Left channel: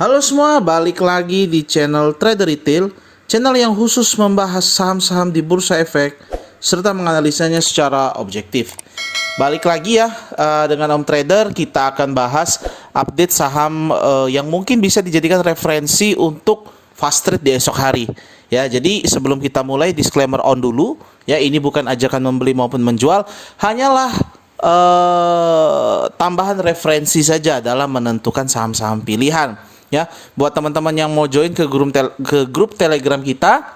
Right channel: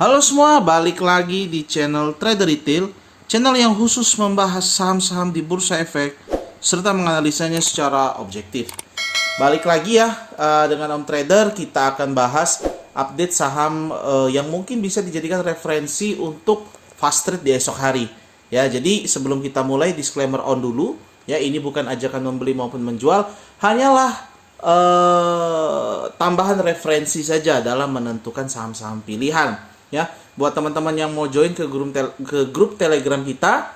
Halo semua, balik lagi di channel Trader Retail, channel yang khusus membahas saham-saham di Bursa Efek serta menganalisanya secara objektif. Balik lagi ya dengan Om Trader, kita akan bahas update saham yang mungkin bisa dijadikan referensi untuk fast trade di esok hari. Ya, jadi sebelum kita mulai disclaimer on dulu, ya ini bukan ajakan membeli maupun menjual, hanyalah tambahan referensi saja dalam menentukan saham-saham pilihan. Ya, buat teman-teman yang mau join ke grup Telegram kita,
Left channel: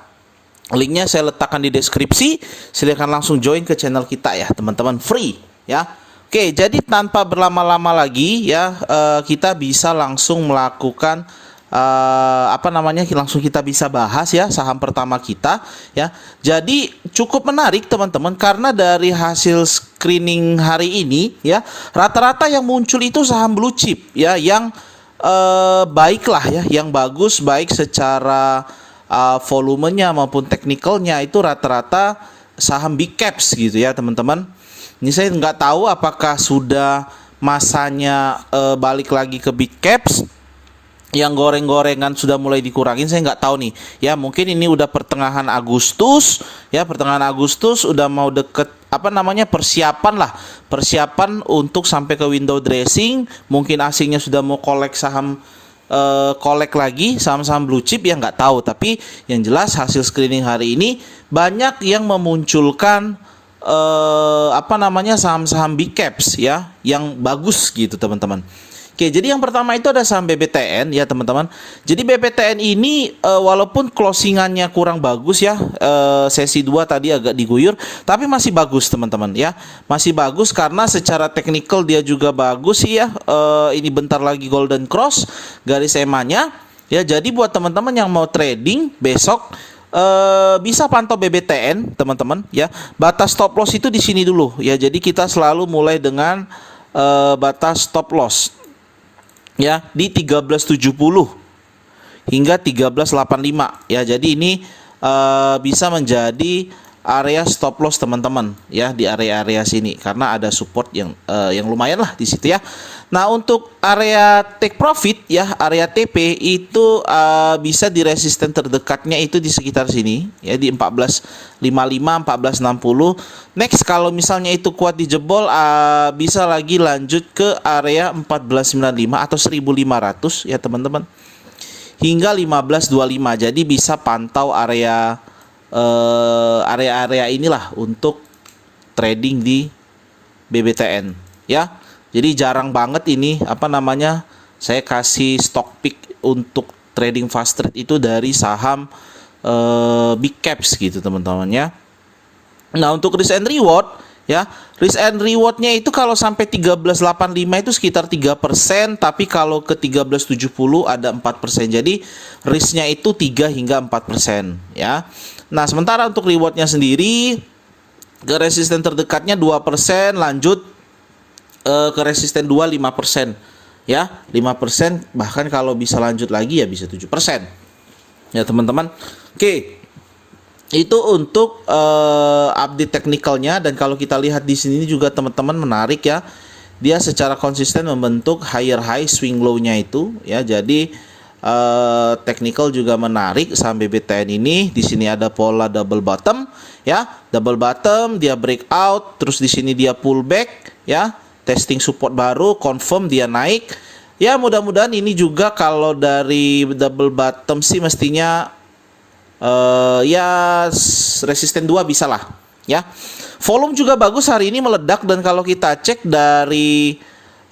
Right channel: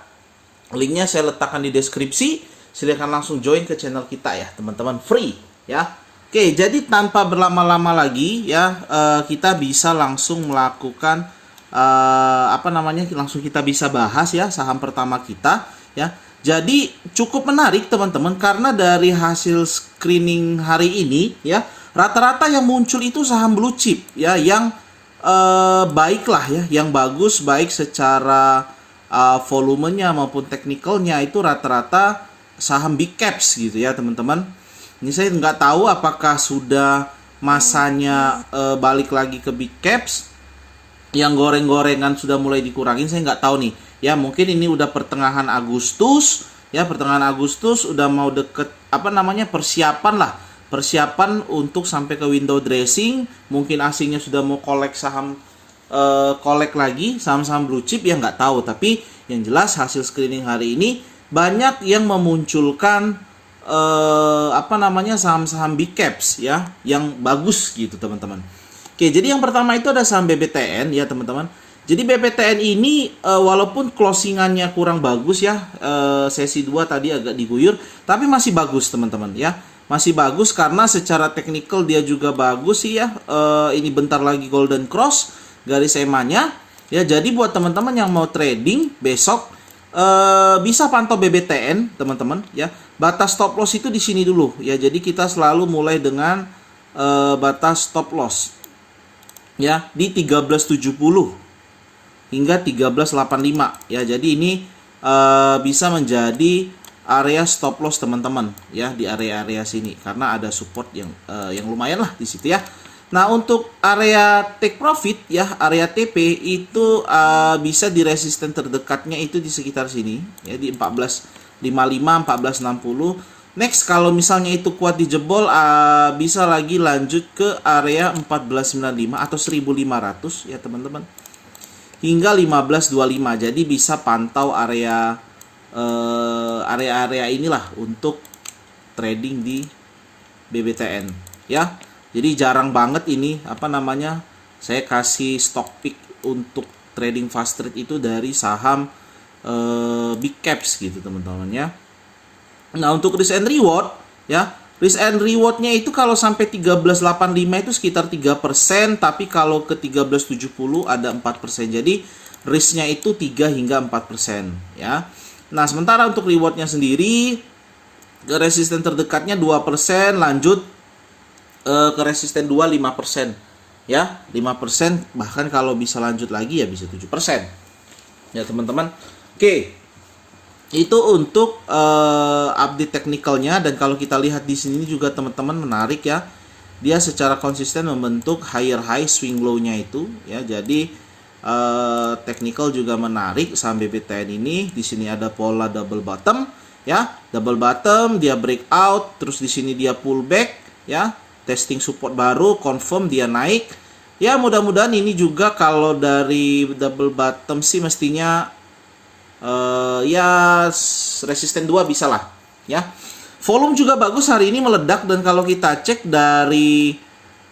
linknya saya letakkan di deskripsi. Silahkan langsung join ke channel kita ya, teman-teman, free ya. Oke, jadi tanpa berlama-lama lagi ya, kita bisa langsung melakukan langsung kita bisa bahas ya saham pertama kita ya. Jadi cukup menarik teman-teman, karena dari hasil screening hari ini ya, rata-rata yang muncul itu saham blue chip ya, yang baiklah ya, yang bagus baik secara volumenya maupun teknikalnya, itu rata-rata saham big caps gitu ya teman-teman. Ini saya nggak tahu apakah sudah masanya balik lagi ke big caps, yang goreng-gorengan sudah mulai dikurangin, saya nggak tahu nih ya. Mungkin ini udah pertengahan Agustus ya, pertengahan Agustus udah mau deket persiapan untuk sampai ke window dressing. Mungkin asingnya sudah mau kolek lagi saham-saham blue chip ya, nggak tahu. Tapi yang jelas hasil screening hari ini banyak yang memunculkan saham-saham big caps ya, yang bagus gitu teman-teman. Oke, jadi yang pertama itu ada saham BBTN ya teman-teman. Jadi BBTN ini walaupun closingannya kurang bagus ya, sesi 2 tadi agak diguyur, tapi masih bagus teman-teman ya. Masih bagus karena secara teknikal dia juga bagus sih ya. Ini bentar lagi golden cross garis EMA-nya ya. Jadi buat teman-teman yang mau trading besok, bisa pantau BBTN teman-teman ya. Batas stop loss itu di sini dulu ya. Jadi kita selalu mulai dengan batas stop loss ya di 1370 hingga 1385 ya. Jadi ini bisa menjadi area stop loss teman-teman ya, di area-area sini, karena ada support yang lumayan lah di situ ya. Nah, untuk area take profit ya, area TP itu bisa di resisten terdekatnya itu di sekitar sini ya, di 1455 1460. Next, kalau misalnya itu kuat dijebol, bisa lagi lanjut ke area 1495 atau 1500 ya teman-teman, hingga 1525. Jadi bisa pantau area inilah untuk trading di BBTN ya. Jadi jarang banget ini saya kasih stock pick untuk trading fast trade itu dari saham big caps gitu teman-teman ya. Nah, untuk risk and reward ya, risk and rewardnya itu kalau sampai 1385 itu sekitar 3%, tapi kalau ke 1370 ada 4%. Jadi risknya itu 3 hingga 4% ya. Nah, sementara untuk rewardnya sendiri, ke resisten terdekatnya 2%, lanjut ke resisten 2 5% ya, 5%, bahkan kalau bisa lanjut lagi ya bisa 7% ya teman-teman. Oke, itu untuk update teknikalnya. Dan kalau kita lihat di sini juga teman-teman, menarik ya, dia secara konsisten membentuk higher high swing low-nya itu ya. Jadi technical juga menarik saham BBTN ini. Di sini ada pola double bottom ya, double bottom, dia breakout, terus di sini dia pullback ya, testing support baru, confirm dia naik ya. Mudah-mudahan ini juga kalau dari double bottom sih mestinya resisten 2 bisa lah ya. Volume juga bagus hari ini, meledak. Dan kalau kita cek dari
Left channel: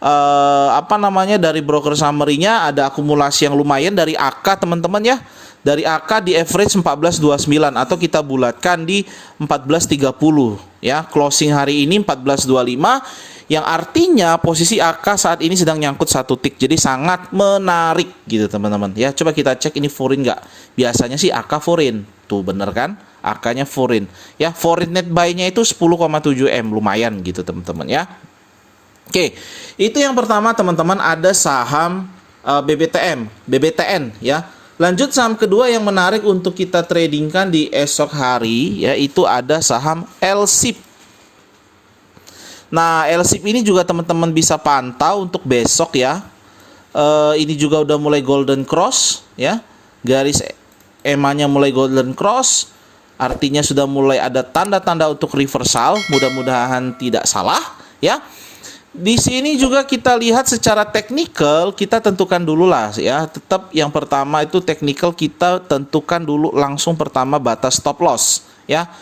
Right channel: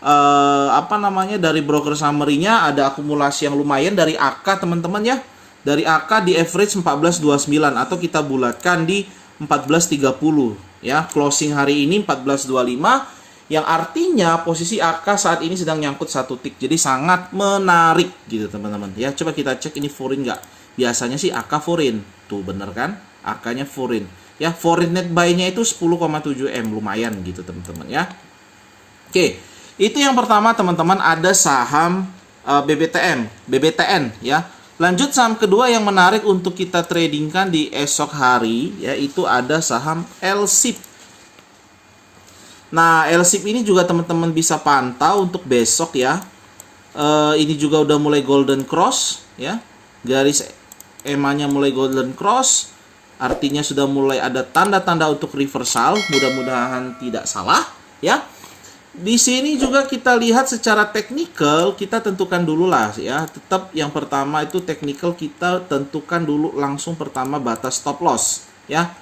dari broker summary-nya, ada akumulasi yang lumayan dari AK teman-teman ya. Dari AK di average 1429 atau kita bulatkan di 1430 ya. Closing hari ini 1425, yang artinya posisi AK saat ini sedang nyangkut satu tick. Jadi sangat menarik gitu teman-teman ya. Coba kita cek ini foreign nggak. Biasanya sih AK foreign tuh, bener kan, AK-nya foreign ya. Foreign net buy-nya itu 10,7 M, lumayan gitu teman-teman ya. Oke, itu yang pertama teman-teman, ada saham BBTN ya. Lanjut saham kedua yang menarik untuk kita tradingkan di esok hari ya, itu ada saham LSIP. Nah, LSIP ini juga teman-teman bisa pantau untuk besok ya. Ini juga udah mulai golden cross ya. Garis EMA-nya mulai golden cross. Artinya sudah mulai ada tanda-tanda untuk reversal. Mudah-mudahan tidak salah ya. Di sini juga kita lihat secara teknikal, kita tentukan dulu lah ya. Tetap yang pertama itu teknikal, kita tentukan dulu langsung pertama batas stop loss ya.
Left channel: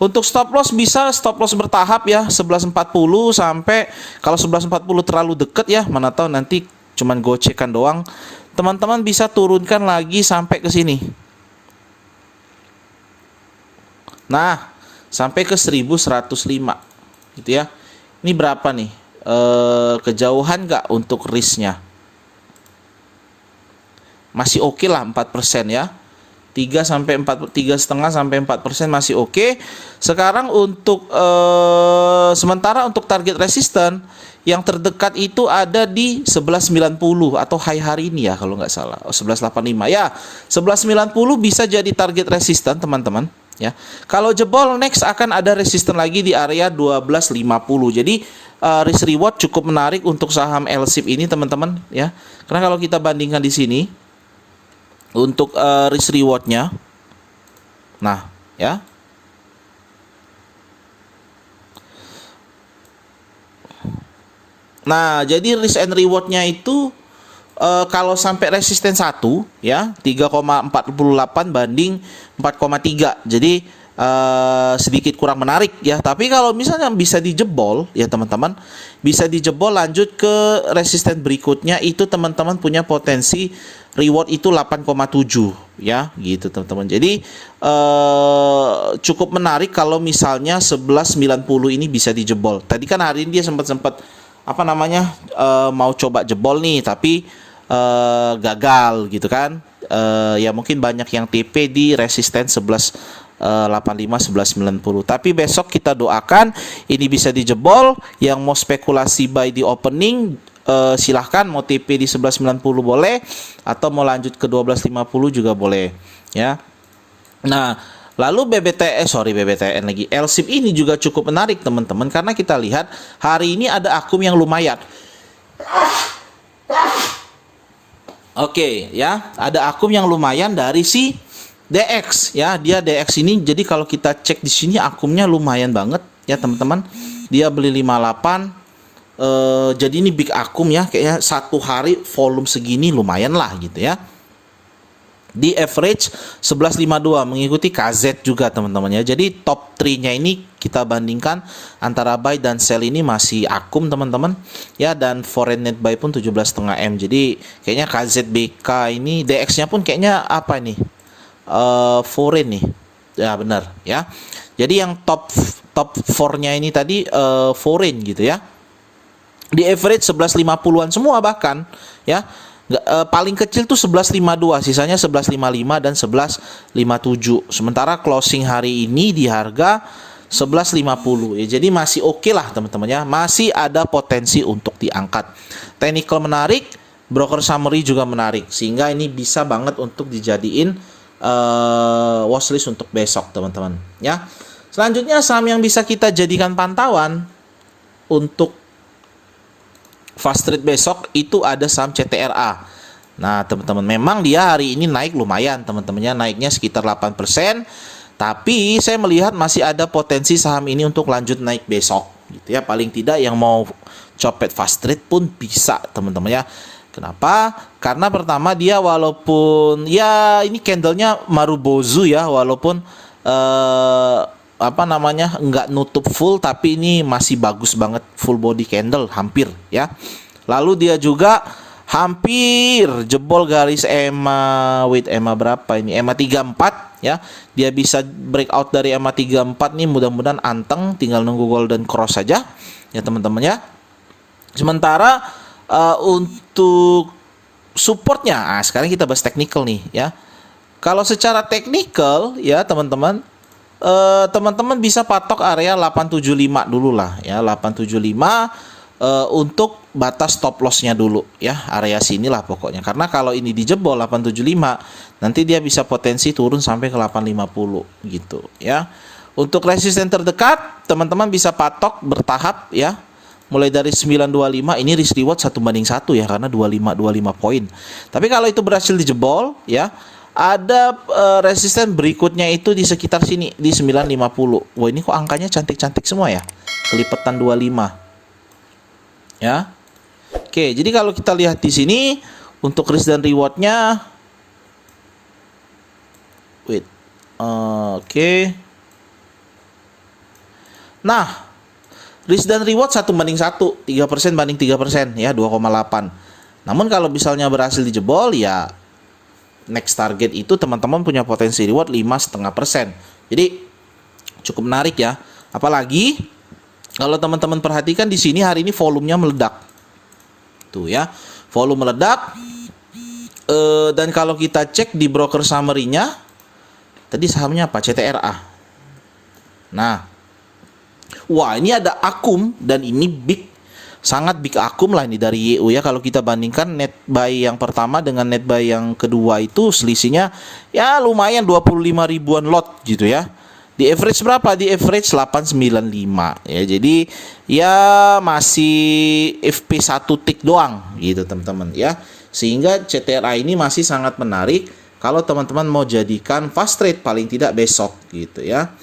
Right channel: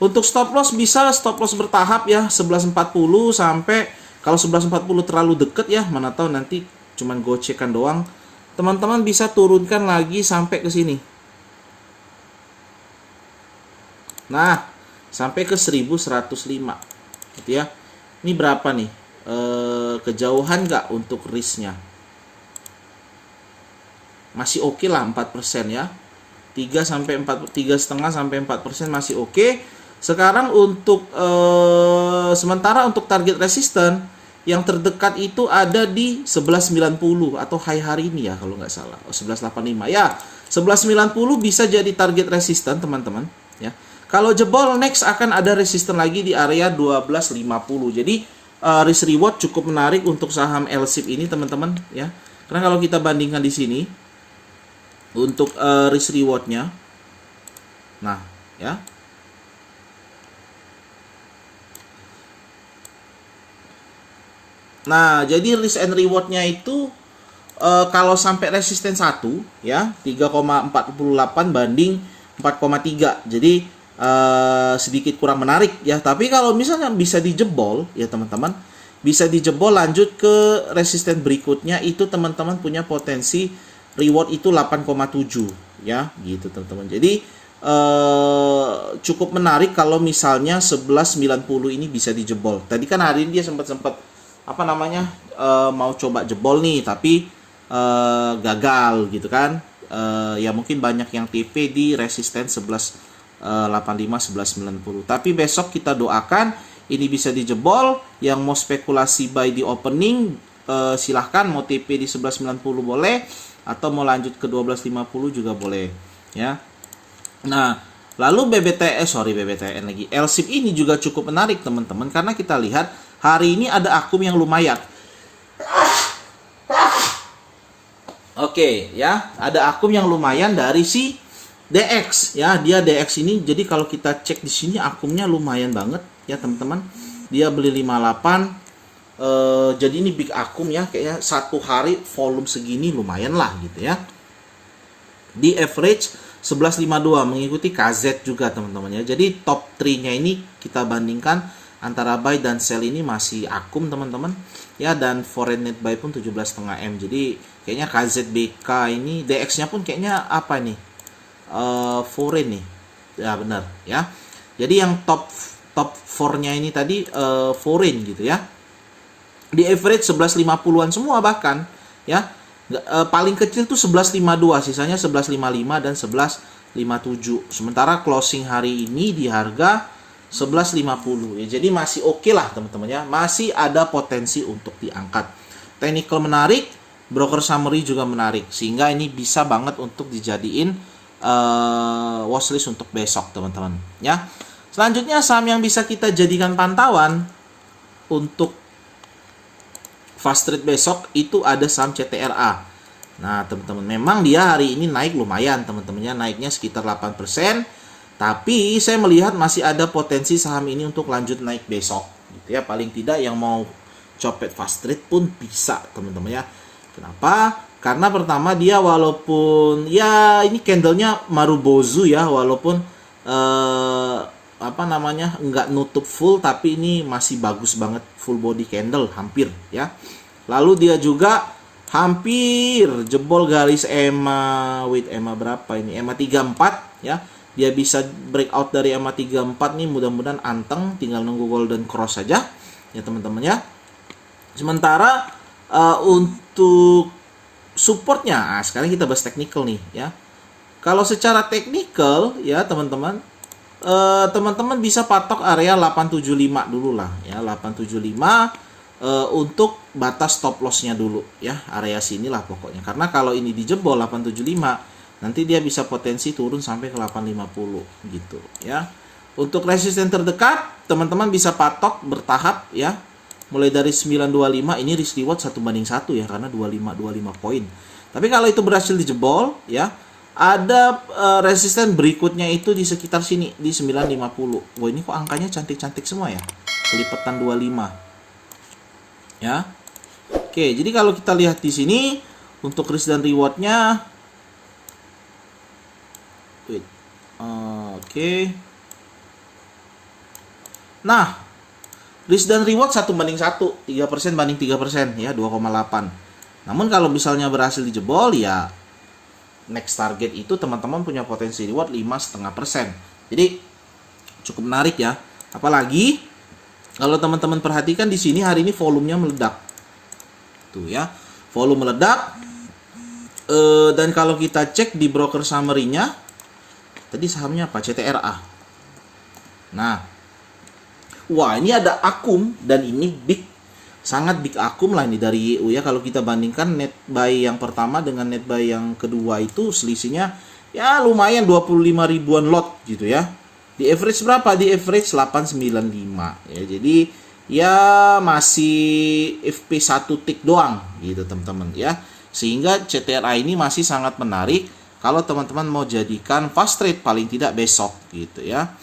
Untuk stop loss bisa stop loss bertahap ya, 11.40 sampai, kalau 11.40 terlalu deket ya, mana tahu nanti cuman gocekan doang. Teman-teman bisa turunkan lagi sampai ke sini. Nah, sampai ke 1105 gitu ya. Ini berapa nih? Kejauhan nggak untuk risknya? Masih oke lah 4% ya. 3,5 sampai 4% masih oke. Sekarang untuk sementara untuk target resisten yang terdekat itu ada di 1190 atau high hari ini ya kalau nggak salah. 1185 ya. 1190 bisa jadi target resisten teman-teman ya. Kalau jebol next akan ada resisten lagi di area 1250. Jadi risk reward cukup menarik untuk saham LSIP ini teman-teman ya. Karena kalau kita bandingkan di sini untuk risk rewardnya, nah ya, nah jadi risk and rewardnya itu kalau sampai resisten 1 ya 3,48 banding 4,3, jadi sedikit kurang menarik ya. Tapi kalau misalnya bisa dijebol ya teman-teman, bisa dijebol lanjut ke resisten berikutnya, itu teman-teman punya potensi reward itu 8,7 ya gitu teman-teman. Jadi cukup menarik kalau misalnya 1190 ini bisa dijebol. Tadi kan hari ini dia sempat apa namanya mau coba jebol nih, tapi gagal gitu kan. Ya mungkin banyak yang TP di resisten 1185 1190. Tapi besok kita doakan ini bisa dijebol. Yang mau spekulasi buy di opening silahkan, mau TP di 1190 boleh, atau mau lanjut ke 1250 juga boleh ya. Nah, lalu BBTN lagi, LSIP ini juga cukup menarik teman-teman, karena kita lihat hari ini ada akum yang lumayan. Oke ya, ada akum yang lumayan dari si DX ya. Dia DX ini, jadi kalau kita cek di sini akumnya lumayan banget ya teman-teman. Dia beli 58. Jadi ini big akum ya, kayaknya satu hari volume segini lumayan lah gitu ya. Di average 1152 mengikuti KZ juga teman-teman ya. Jadi top 3-nya ini kita bandingkan antara buy dan sell ini masih akum teman-teman ya. Dan foreign net buy pun 17,5 M. Jadi kayaknya KZBK ini DX-nya pun kayaknya apa nih? Foreign nih. Ya benar ya. Jadi yang top 4-nya ini tadi foreign gitu ya. Di average 1150-an semua bahkan ya. Paling kecil tuh 1152, sisanya 1155 dan 1157. Sementara closing hari ini di harga 1150 ya. Jadi masih oke lah teman-teman ya. Masih ada potensi untuk diangkat. Technical menarik, broker summary juga menarik, sehingga ini bisa banget untuk dijadiin watchlist untuk besok teman-teman ya. Selanjutnya saham yang bisa kita jadikan pantauan untuk fast trade besok itu ada saham CTRA. Nah teman-teman, memang dia hari ini naik lumayan teman-temannya, naiknya sekitar 8%. Tapi saya melihat masih ada potensi saham ini untuk lanjut naik besok gitu ya. Paling tidak yang mau copet fast trade pun bisa teman-teman ya. Kenapa? Karena pertama dia walaupun ya ini candlenya Marubozu ya, walaupun apa namanya nggak nutup full, tapi ini masih bagus banget, full body candle hampir ya. Lalu dia juga hampir jebol garis EMA, EMA berapa ini, EMA 34 ya. Dia bisa breakout dari EMA 34 nih, mudah-mudahan anteng, tinggal nunggu golden cross saja ya teman-teman ya. Sementara untuk supportnya, sekarang kita bahas technical nih ya. Kalau secara technical ya teman-teman, teman-teman bisa patok area 875 dulu lah ya, 875 untuk batas stop lossnya dulu ya, area sinilah pokoknya. Karena kalau ini dijebol 875, nanti dia bisa potensi turun sampai ke 850 gitu ya. Untuk resisten terdekat teman-teman bisa patok bertahap ya, mulai dari 925, ini risk reward 1:1 ya, karena 25 poin. Tapi kalau itu berhasil dijebol ya, ada resisten berikutnya itu di sekitar sini di 950. Wah, ini kok angkanya cantik-cantik semua ya, kelipatan 25 ya. Oke, jadi kalau kita lihat di sini untuk risk dan rewardnya, oke. Nah, risk dan reward 1:1, 3% banding 3% ya, 2,8. Namun kalau misalnya berhasil dijebol ya, next target itu teman-teman punya potensi reward 5,5%. Jadi cukup menarik ya. Apalagi kalau teman-teman perhatikan di sini hari ini volumenya meledak. Tuh ya, volume meledak. Dan kalau kita cek di broker summary-nya, tadi sahamnya apa? CTRA. Nah, wah, ini ada akum dan ini sangat big akum lah ini dari YU ya. Kalau kita bandingkan net buy yang pertama dengan net buy yang kedua itu selisihnya ya lumayan 25 ribuan lot gitu ya. Di average berapa? Di average 895 ya. Jadi ya masih FP1 tick doang gitu teman-teman ya. Sehingga CTRA ini masih sangat menarik kalau teman-teman mau jadikan fast trade paling tidak besok gitu ya.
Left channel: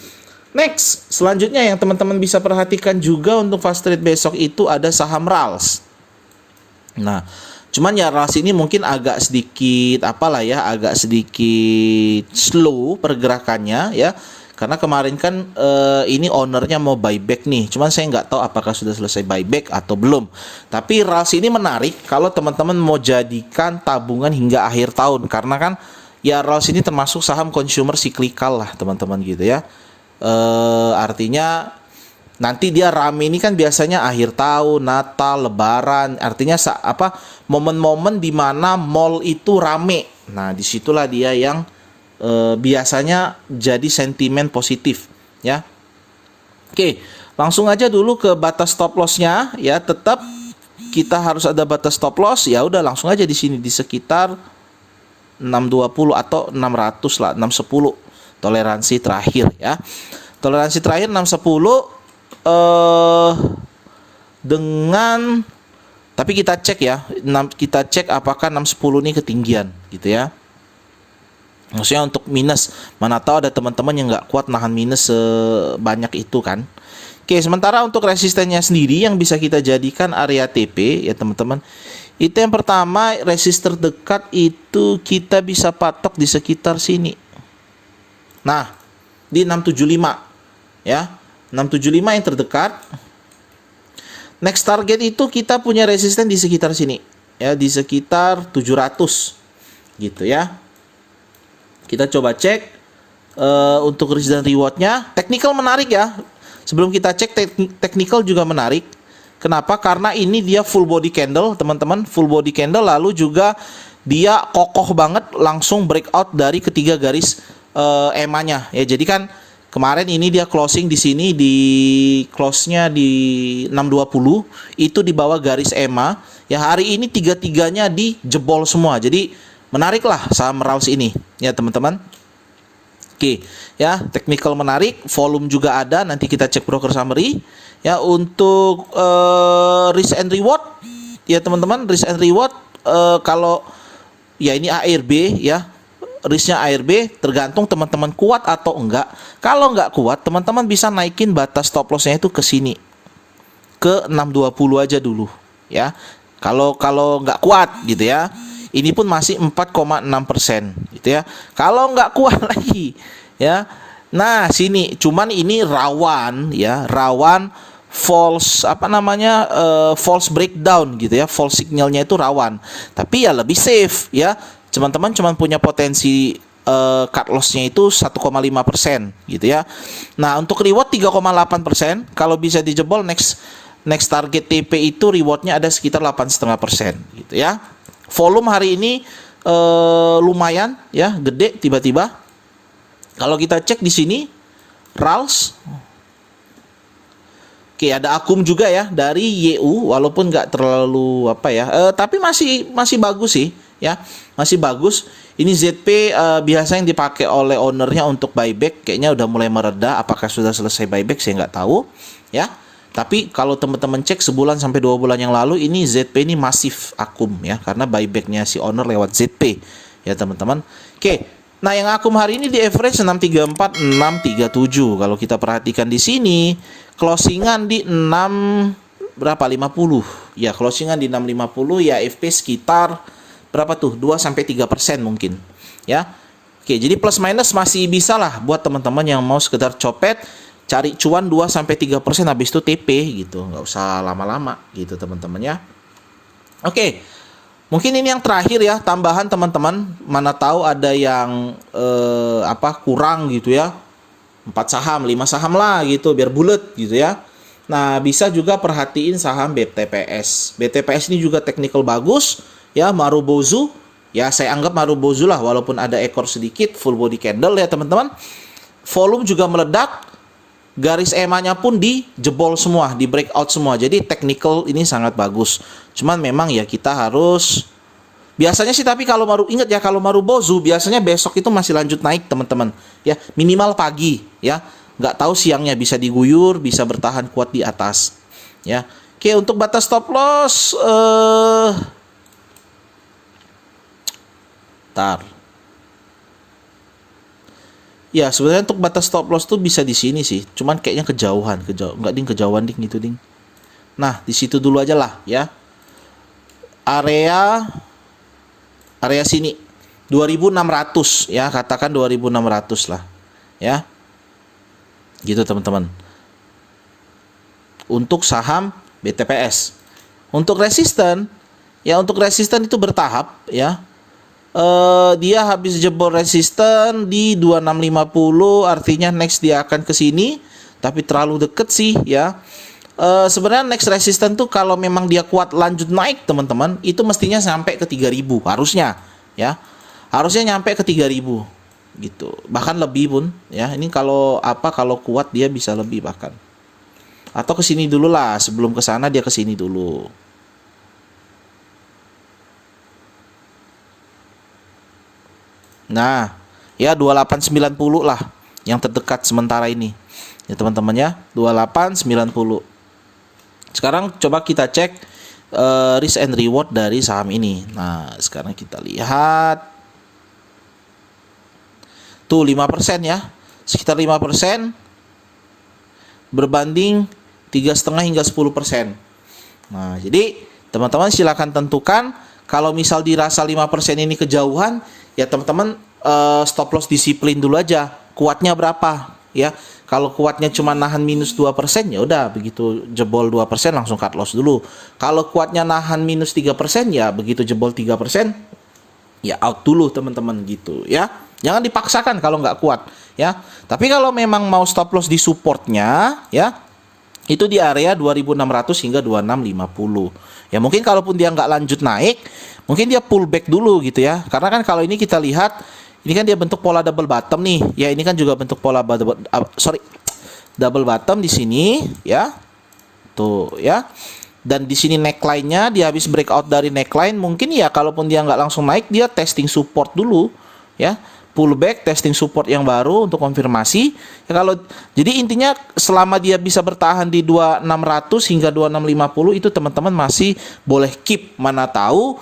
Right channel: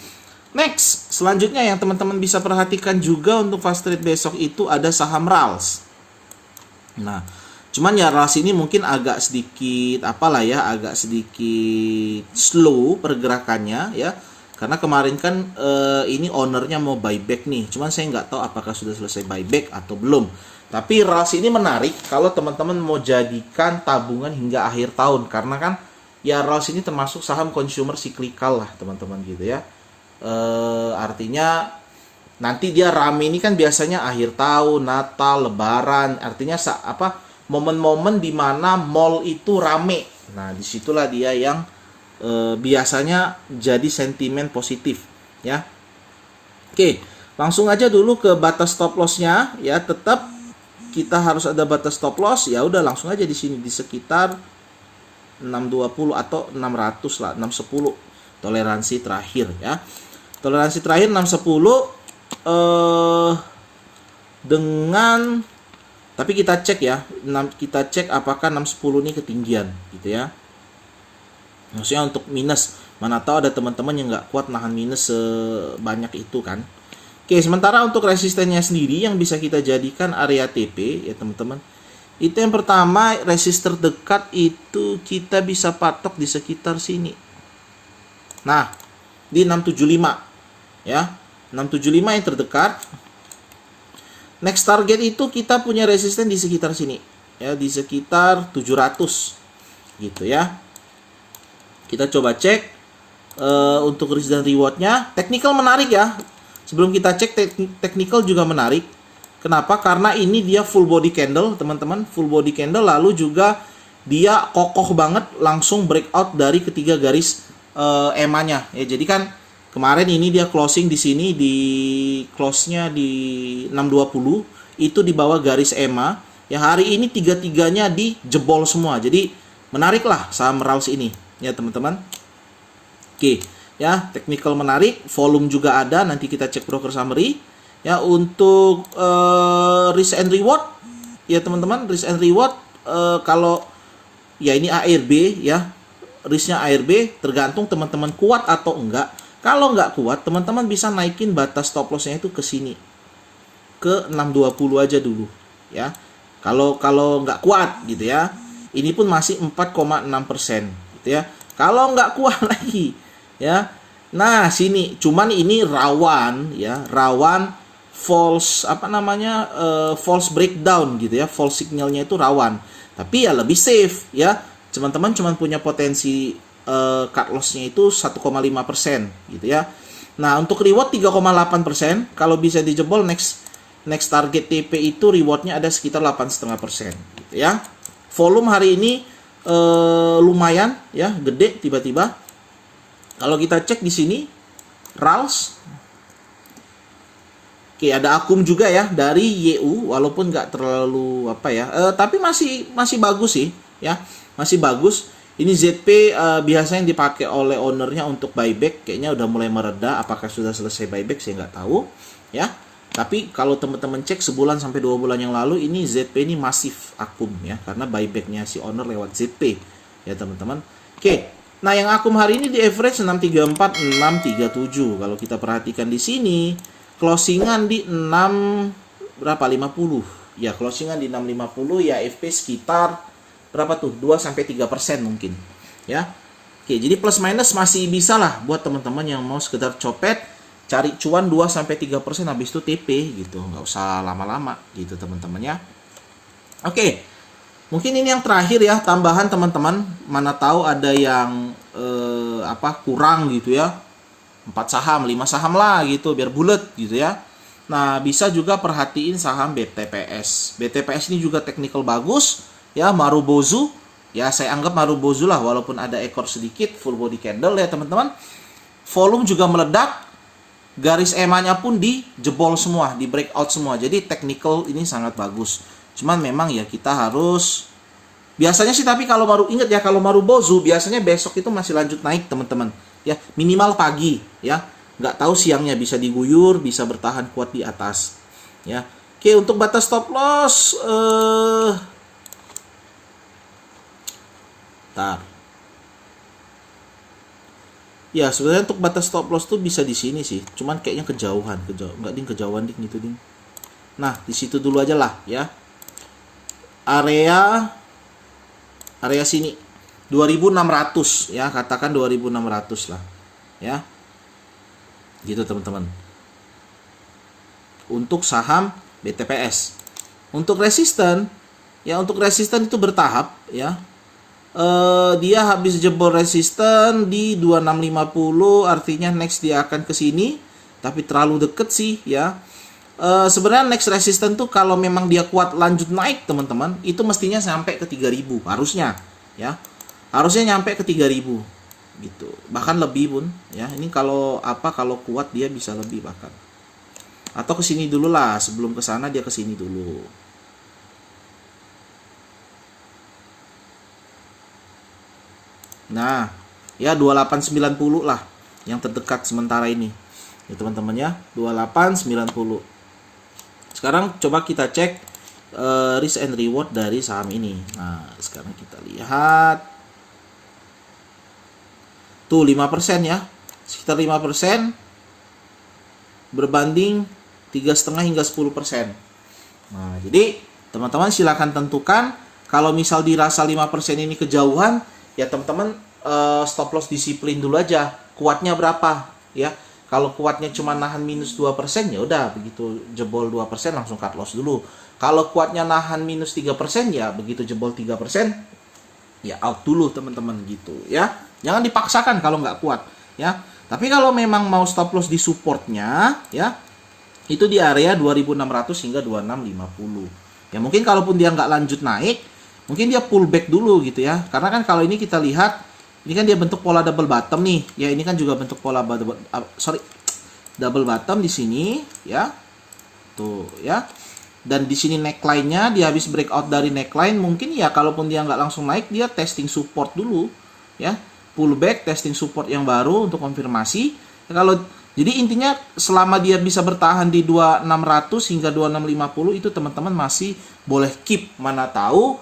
Next, selanjutnya yang teman-teman bisa perhatikan juga untuk fast trade besok itu ada saham RALS. Nah, cuman ya RALS ini mungkin agak sedikit agak sedikit slow pergerakannya ya. Karena kemarin kan ini ownernya mau buyback nih. Cuman saya nggak tahu apakah sudah selesai buyback atau belum. Tapi RALS ini menarik kalau teman-teman mau jadikan tabungan hingga akhir tahun. Karena kan ya RALS ini termasuk saham consumer cyclical lah teman-teman gitu ya. Artinya nanti dia rame ini kan biasanya akhir tahun, Natal, Lebaran, artinya momen-momen di mana mall itu rame. Nah, disitulah dia yang biasanya jadi sentimen positif ya. Oke, langsung aja dulu ke batas stop loss-nya ya. Tetap kita harus ada batas stop loss. Ya udah langsung aja di sini di sekitar 620 atau 600 lah, 610 toleransi terakhir ya. Toleransi terakhir 610 dengan, tapi kita cek ya, kita cek apakah 610 ini ketinggian gitu ya. Maksudnya untuk minus, mana tahu ada teman-teman yang nggak kuat nahan minus sebanyak itu kan. Oke, sementara untuk resistennya sendiri yang bisa kita jadikan area TP ya teman-teman. Itu yang pertama, resistor terdekat itu kita bisa patok di sekitar sini. Nah, di 675 ya. 675 yang terdekat. Next target itu kita punya resisten di sekitar sini ya, di sekitar 700 gitu ya. Kita coba cek untuk risk dan rewardnya. Technical menarik ya. Sebelum kita cek technical juga menarik. Kenapa? Karena ini dia full body candle teman-teman, full body candle, lalu juga dia kokoh banget langsung breakout dari ketiga garis EMA-nya ya. Jadi kan kemarin ini dia closing di sini, di close-nya di 620 itu di bawah garis EMA ya. Hari ini tiga-tiganya dijebol semua. Jadi menarik lah saham RALS ini ya teman-teman. Oke ya, technical menarik, volume juga ada, nanti kita cek broker summary ya. Untuk risk and reward ya teman-teman, risk and reward kalau ya ini ARB ya, risknya ARB tergantung teman-teman kuat atau enggak. Kalau nggak kuat, teman-teman bisa naikin batas stop loss-nya itu ke sini, ke 620 aja dulu ya. Kalau nggak kuat gitu ya, ini pun masih 4,6% gitu ya. Kalau nggak kuat lagi ya, nah sini cuman ini rawan ya, rawan false false breakdown gitu ya, false signalnya itu rawan. Tapi ya lebih safe ya, teman-teman cuman punya potensi cut loss-nya itu 1,5% gitu ya. Nah, untuk reward 3,8%. Kalau bisa dijebol next target TP itu rewardnya ada sekitar 8,5% gitu ya. Volume hari ini lumayan ya, gede tiba-tiba. Kalau kita cek di sini RALS, oke, ada akum juga ya dari YU, walaupun nggak terlalu tapi masih bagus sih ya, masih bagus. Ini ZP biasa yang dipakai oleh ownernya untuk buyback, kayaknya udah mulai mereda. Apakah sudah selesai buyback saya nggak tahu ya. Tapi kalau teman-teman cek sebulan sampai 2 bulan yang lalu, ini ZP ini masif akum ya, karena buybacknya si owner lewat ZP ya teman-teman. Oke, nah yang akum hari ini di average 634, 637. Kalau kita perhatikan di sini, closingan di 6 berapa? 50. Ya, closingan di 650 ya, FP sekitar berapa tuh? 2 sampai 3% mungkin ya. Oke, jadi plus minus masih bisa lah buat teman-teman yang mau sekedar copet, cari cuan 2 sampai 3% habis itu TP gitu. Nggak usah lama-lama gitu teman-teman ya. Oke. Mungkin ini yang terakhir ya, tambahan teman-teman. Mana tahu ada yang kurang gitu ya. 4 saham, 5 saham lah gitu biar bulat gitu ya. Nah, bisa juga perhatiin saham BTPS. BTPS ini juga technical bagus ya, Marubozu. Ya, saya anggap Marubozu lah walaupun ada ekor sedikit, full body candle ya teman-teman. Volume juga meledak. Garis EMA-nya pun dijebol semua, di breakout semua. Jadi technical ini sangat bagus. Cuman memang ya kita harus biasanya sih, tapi kalau ingat ya, kalau Marubozu biasanya besok itu masih lanjut naik teman-teman. Ya, minimal pagi ya. Nggak tahu siangnya bisa diguyur, bisa bertahan kuat di atas. Ya. Oke, untuk batas stop loss ya, sebenarnya untuk batas stop loss tuh bisa di sini sih. Cuman kayaknya kejauhan. Nggak ding, kejauhan ding gitu ding. Nah, di situ dulu aja lah ya. Area sini 2600 ya, katakan 2600 lah ya. Gitu teman-teman. Untuk saham BTPS. Untuk resisten itu bertahap ya. Dia habis jebol resisten di 2650, artinya next dia akan ke sini, tapi terlalu deket sih ya. Sebenarnya next resisten tuh kalau memang dia kuat lanjut naik teman-teman, itu mestinya sampai ke 3000 harusnya ya. Harusnya nyampe ke 3000 gitu. Bahkan lebih pun ya. Ini kalau kuat dia bisa lebih bahkan. Atau ke sini dulu lah, sebelum ke sana dia ke sini dulu. Nah, ya 2890 lah yang terdekat sementara ini. Ya teman-teman ya, 2890. Sekarang coba kita cek risk and reward dari saham ini. Nah, sekarang kita lihat. Tuh 5% ya. Sekitar 5% berbanding 3,5 hingga 10%. Nah, jadi teman-teman silakan tentukan, kalau misal dirasa 5% ini kejauhan, ya teman-teman stop loss disiplin dulu aja. Kuatnya berapa ya? Kalau kuatnya cuma nahan minus 2%, ya udah begitu jebol 2% langsung cut loss dulu. Kalau kuatnya nahan minus 3%, ya begitu jebol 3%, ya out dulu teman-teman gitu ya. Jangan dipaksakan kalau nggak kuat ya. Tapi kalau memang mau stop loss di supportnya ya, itu di area 2600 hingga 2650. Ya mungkin kalaupun dia nggak lanjut naik, mungkin dia pullback dulu gitu ya. Karena kan kalau ini kita lihat, ini kan dia bentuk pola double bottom nih. Ya ini kan juga bentuk pola double bottom di sini ya. Tuh ya. Dan di sini neckline-nya dia habis breakout dari neckline, mungkin ya kalaupun dia nggak langsung naik, dia testing support dulu ya. Pullback, testing support yang baru untuk konfirmasi. Ya, jadi intinya selama dia bisa bertahan di 2600 hingga 2650 itu teman-teman masih boleh keep. Mana tahu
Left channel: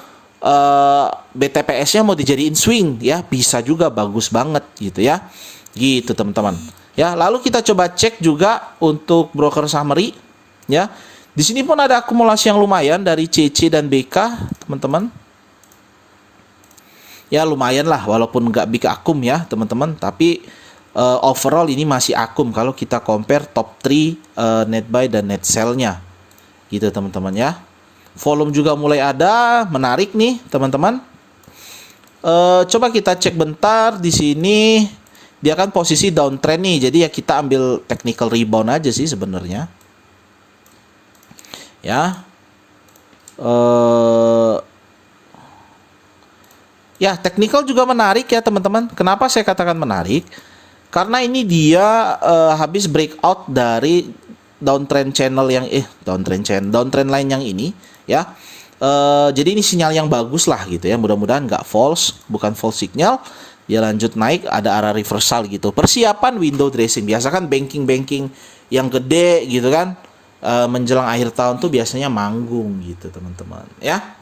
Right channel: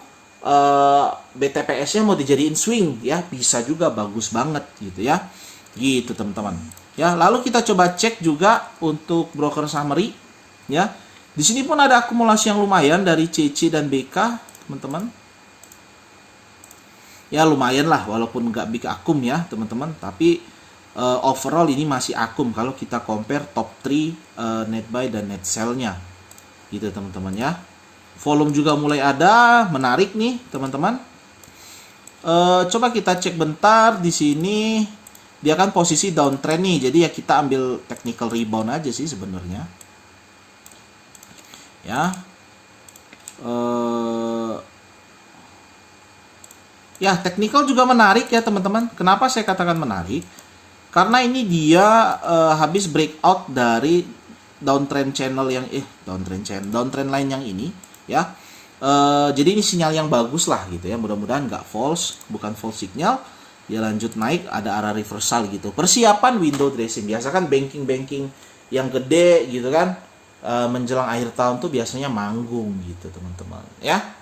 BTPS-nya mau dijadiin swing ya, bisa juga bagus banget gitu ya. Gitu teman-teman. Ya, lalu kita coba cek juga untuk broker summary ya. Di sini pun ada akumulasi yang lumayan dari CC dan BK, teman-teman. Ya lumayan lah, walaupun nggak big akum ya teman-teman, tapi overall ini masih akum kalau kita compare top 3 net buy dan net sell-nya gitu teman-teman ya. Volume juga mulai ada, menarik nih teman-teman. Coba kita cek bentar di sini, dia kan posisi downtrend nih, jadi ya kita ambil technical rebound aja sih sebenarnya ya. Ya, technical juga menarik ya teman-teman. Kenapa saya katakan menarik? Karena ini dia habis breakout dari downtrend line yang ini ya. Jadi ini sinyal yang bagus lah gitu ya. Mudah-mudahan nggak false, bukan false signal. Dia lanjut naik, ada arah reversal gitu. Persiapan window dressing. Biasa kan banking yang gede gitu kan. menjelang akhir tahun tuh biasanya manggung gitu teman-teman ya.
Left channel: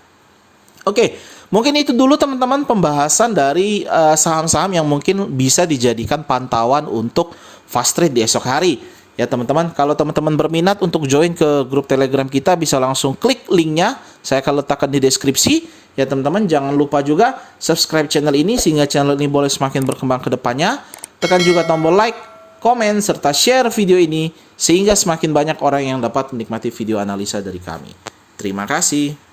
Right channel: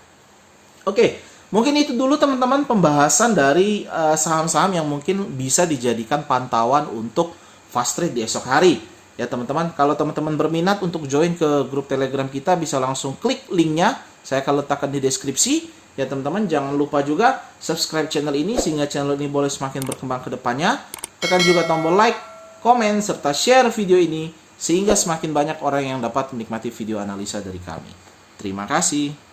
Oke, mungkin itu dulu teman-teman pembahasan dari saham-saham yang mungkin bisa dijadikan pantauan untuk fast trade di esok hari. Ya teman-teman, kalau teman-teman berminat untuk join ke grup Telegram kita bisa langsung klik linknya. Saya akan letakkan di deskripsi. Ya teman-teman, jangan lupa juga subscribe channel ini sehingga channel ini boleh semakin berkembang ke depannya. Tekan juga tombol like, komen, serta share video ini sehingga semakin banyak orang yang dapat menikmati video analisa dari kami. Terima kasih.